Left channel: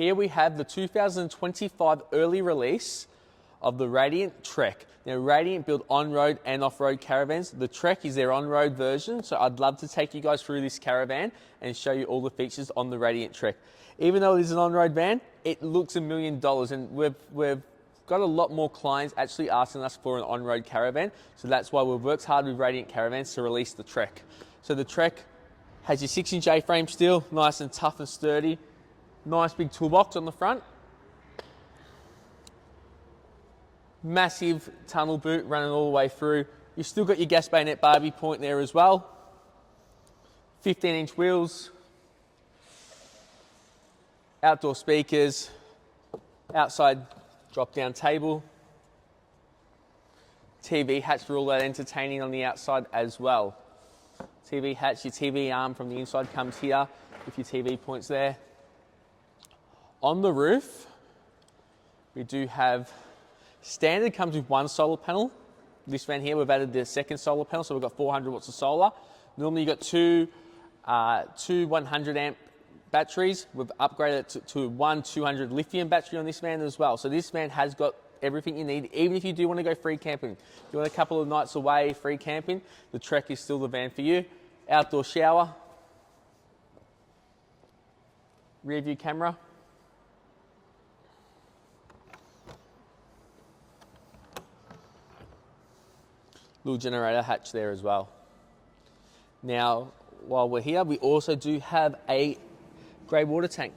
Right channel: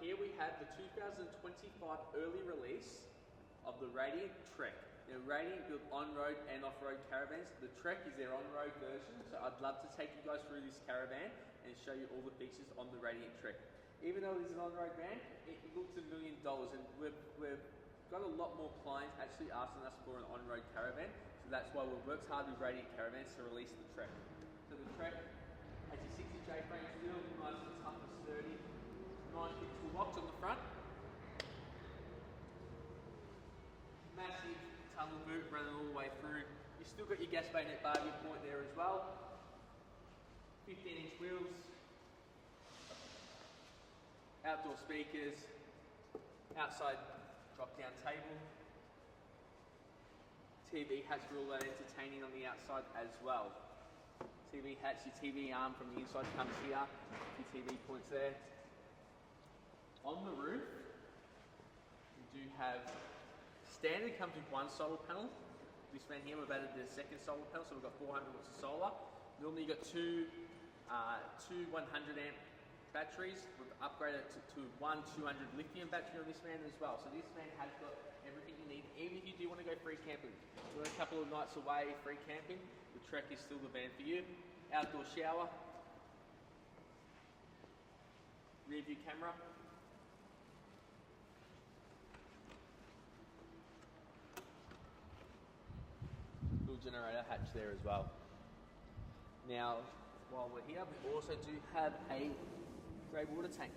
here we have the 2025 early release of the Radiant Trekk. Now, Radiant build on-road and off-road caravans. The Trekk is their on-road version, so I'd love to take you guys through this caravan and show you all the features on the Radiant Trekk. Even though it is an on-road van, it looks $1 million, and we've got a lot more clients actually asking us for an on-road caravan, so that's why we've worked hard with Radiant Caravans to release the Trekk. So the Trekk has your 6-inch A-frame steel, nice and tough and sturdy. Nice big toolbox on the front. Massive tunnel boot running all the way through. You've still got your gas bayonet Barbie point there as well. 15-inch wheels. Outdoor speakers. Outside drop-down table. TV hatch for all that entertaining on the outside as well. TV hatch, your TV arm from the inside comes here with your TV points there. On the roof, we do have standard comes with one solar panel. This van here, we've added the second solar panel, so we've got 400 watts of solar. Normally, you've got two 100 amp batteries. We've upgraded it to one 200 lithium battery on this van as well. So this van has got everything you need, even if you do want to go free camping. If you want a couple of nights away free camping, the Trekk is still the van for you. Outdoor shower, rear view camera. Little generator hatch there as well. Now, while we're here, we also do have a grey water tank.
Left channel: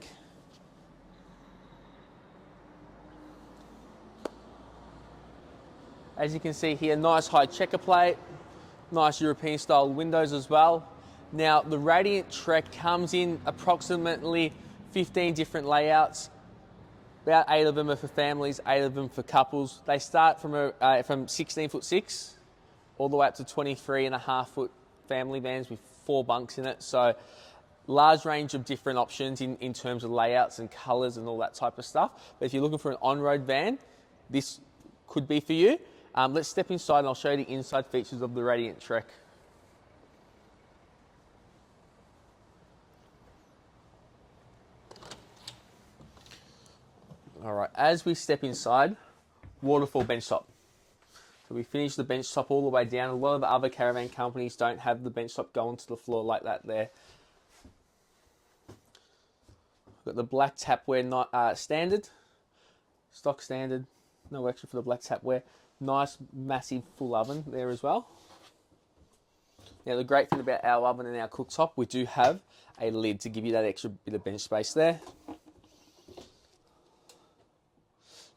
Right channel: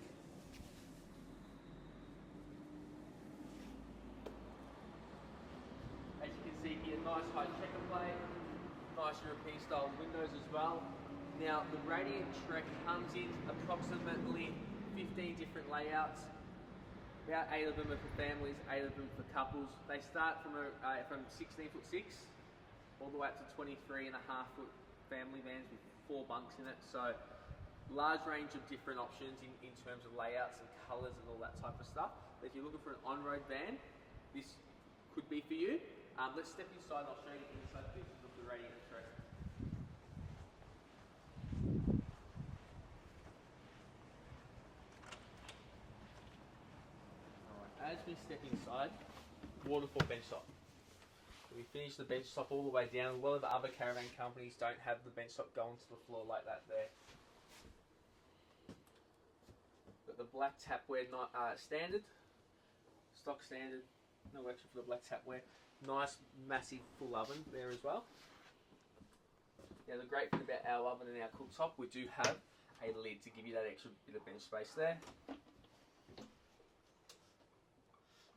As you can see here, nice high checker plate, nice European style windows as well. Now, the Radiant Trekk comes in approximately 15 different layouts. About 8 of them are for families, 8 of them for couples. They start from 16'6" all the way up to 23.5-foot family vans with 4 bunks in it. So large range of different options in terms of layouts and colours and all that type of stuff. But if you're looking for an on-road van, this could be for you. Let's step inside and I'll show you the inside features of the Radiant Trekk. All right, as we step inside, Waterfall Benchtop. So we finished the bench top all the way down. A lot of the other caravan companies don't have the bench top going to the floor like that there. Got the black tapware, not standard, stock standard, no extra for the black tapware. Nice, massive full oven there as well. Now the great thing about our oven and our cooktop, we do have a lid to give you that extra bit of bench space there.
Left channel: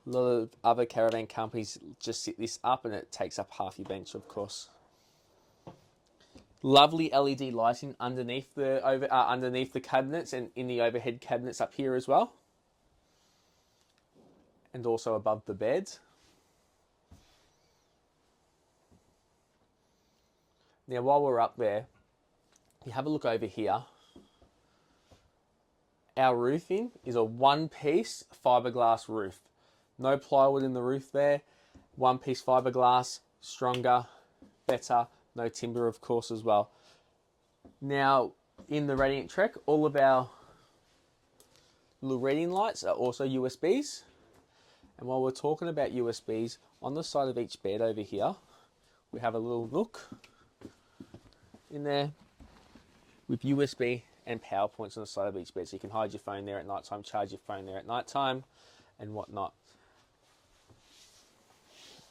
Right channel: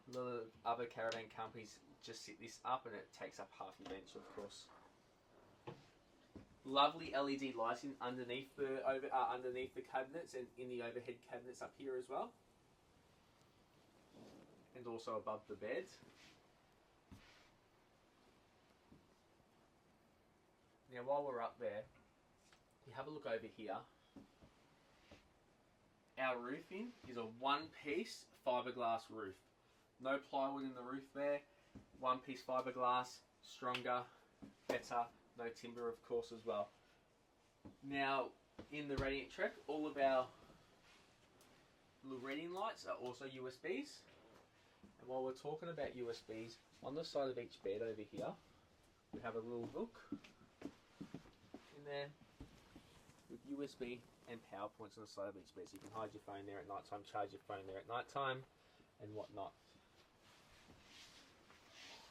A lot of other caravan companies just sit this up and it takes up half your bench, of course. Lovely LED lighting underneath the cabinets and in the overhead cabinets up here as well. And also above the beds. Now while we're up there, you have a look over here. Our roofing is a one-piece fiberglass roof. No plywood in the roof there. One-piece fiberglass, stronger, better. No timber, of course, as well. Now, in the Radiant Trekk, all of our little reading lights are also USBs. And while we're talking about USBs, on the side of each bed over here, we have a little nook in there with USB and power points on the side of each bed. So you can hide your phone there at night time, charge your phone there at night time, and whatnot.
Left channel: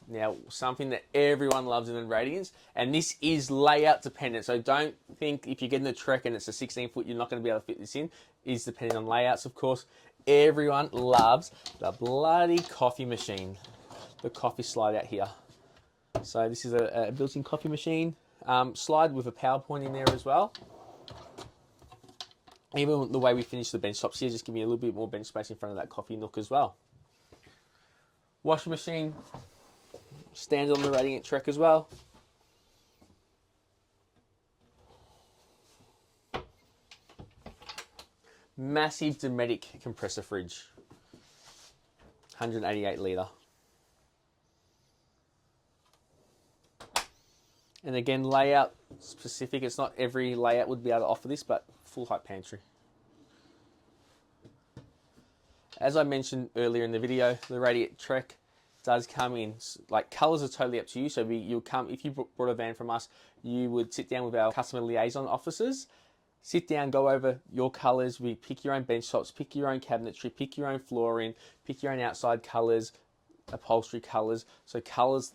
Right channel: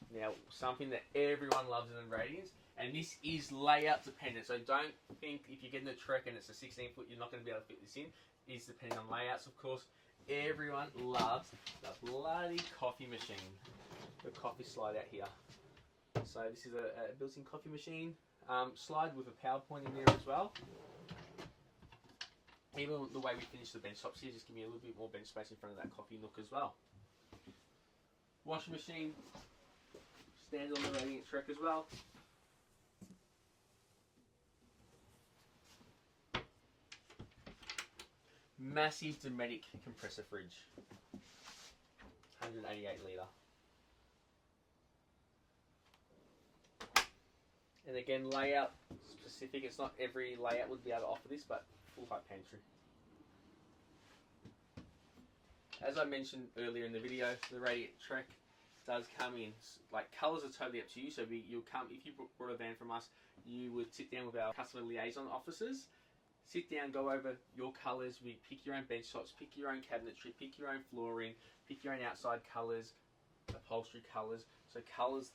Now, something that everyone loves in the Radiants, and this is layout dependent, so don't think if you're getting a Trekk and it's a 16-foot, you're not going to be able to fit this in. It is dependent on layouts, of course. Everyone loves the bloody coffee machine, the coffee slide out here. So this is a built-in coffee machine, slide with a power point in there as well. Even the way we finish the bench tops here, just give me a little bit more bench space in front of that coffee nook as well. Washing machine, standard on the Radiant Trekk as well. Massive Dometic compressor fridge, 188 litre. And again, layout specific. It's not every layout would be able to offer this, but full height pantry. As I mentioned earlier in the video, the Radiant Trekk does come in, like, colours are totally up to you. So you'll come, if you brought a van from us, you would sit down with our customer liaison officers, sit down, go over your colours. We pick your own bench tops, pick your own cabinetry, pick your own flooring, pick your own outside colours, upholstery colours. So colours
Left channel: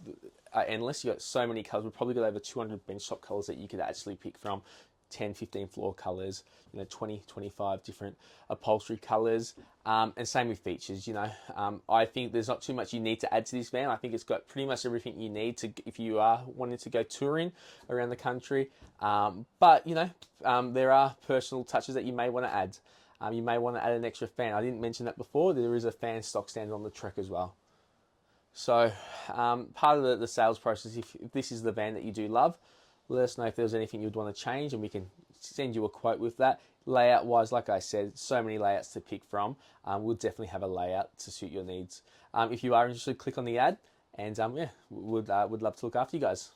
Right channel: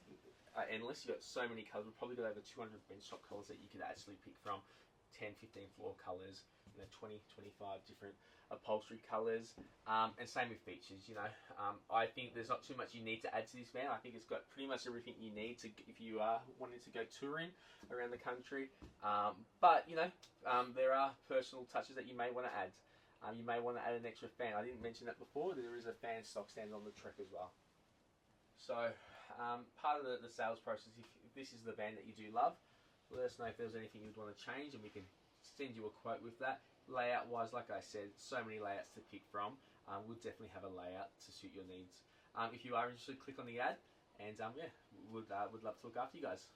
are endless. You've got so many colours. We've probably got over 200 bench top colours that you could actually pick from. 10, 15 floor colours, 20, 25 different upholstery colours, and same with features. I think there's not too much you need to add to this van. I think it's got pretty much everything you need to, if you are wanting to go touring around the country. But there are personal touches that you may want to add. You may want to add an extra fan. I didn't mention that before. There is a fan stock standard on the Trekk as well. So part of the sales process, if this is the van that you do love, let us know if there's anything you'd want to change, and we can send you a quote with that. Layout wise, like I said, so many layouts to pick from. We'll definitely have a layout to suit your needs. If you are interested, click on the ad, and would love to look after you guys.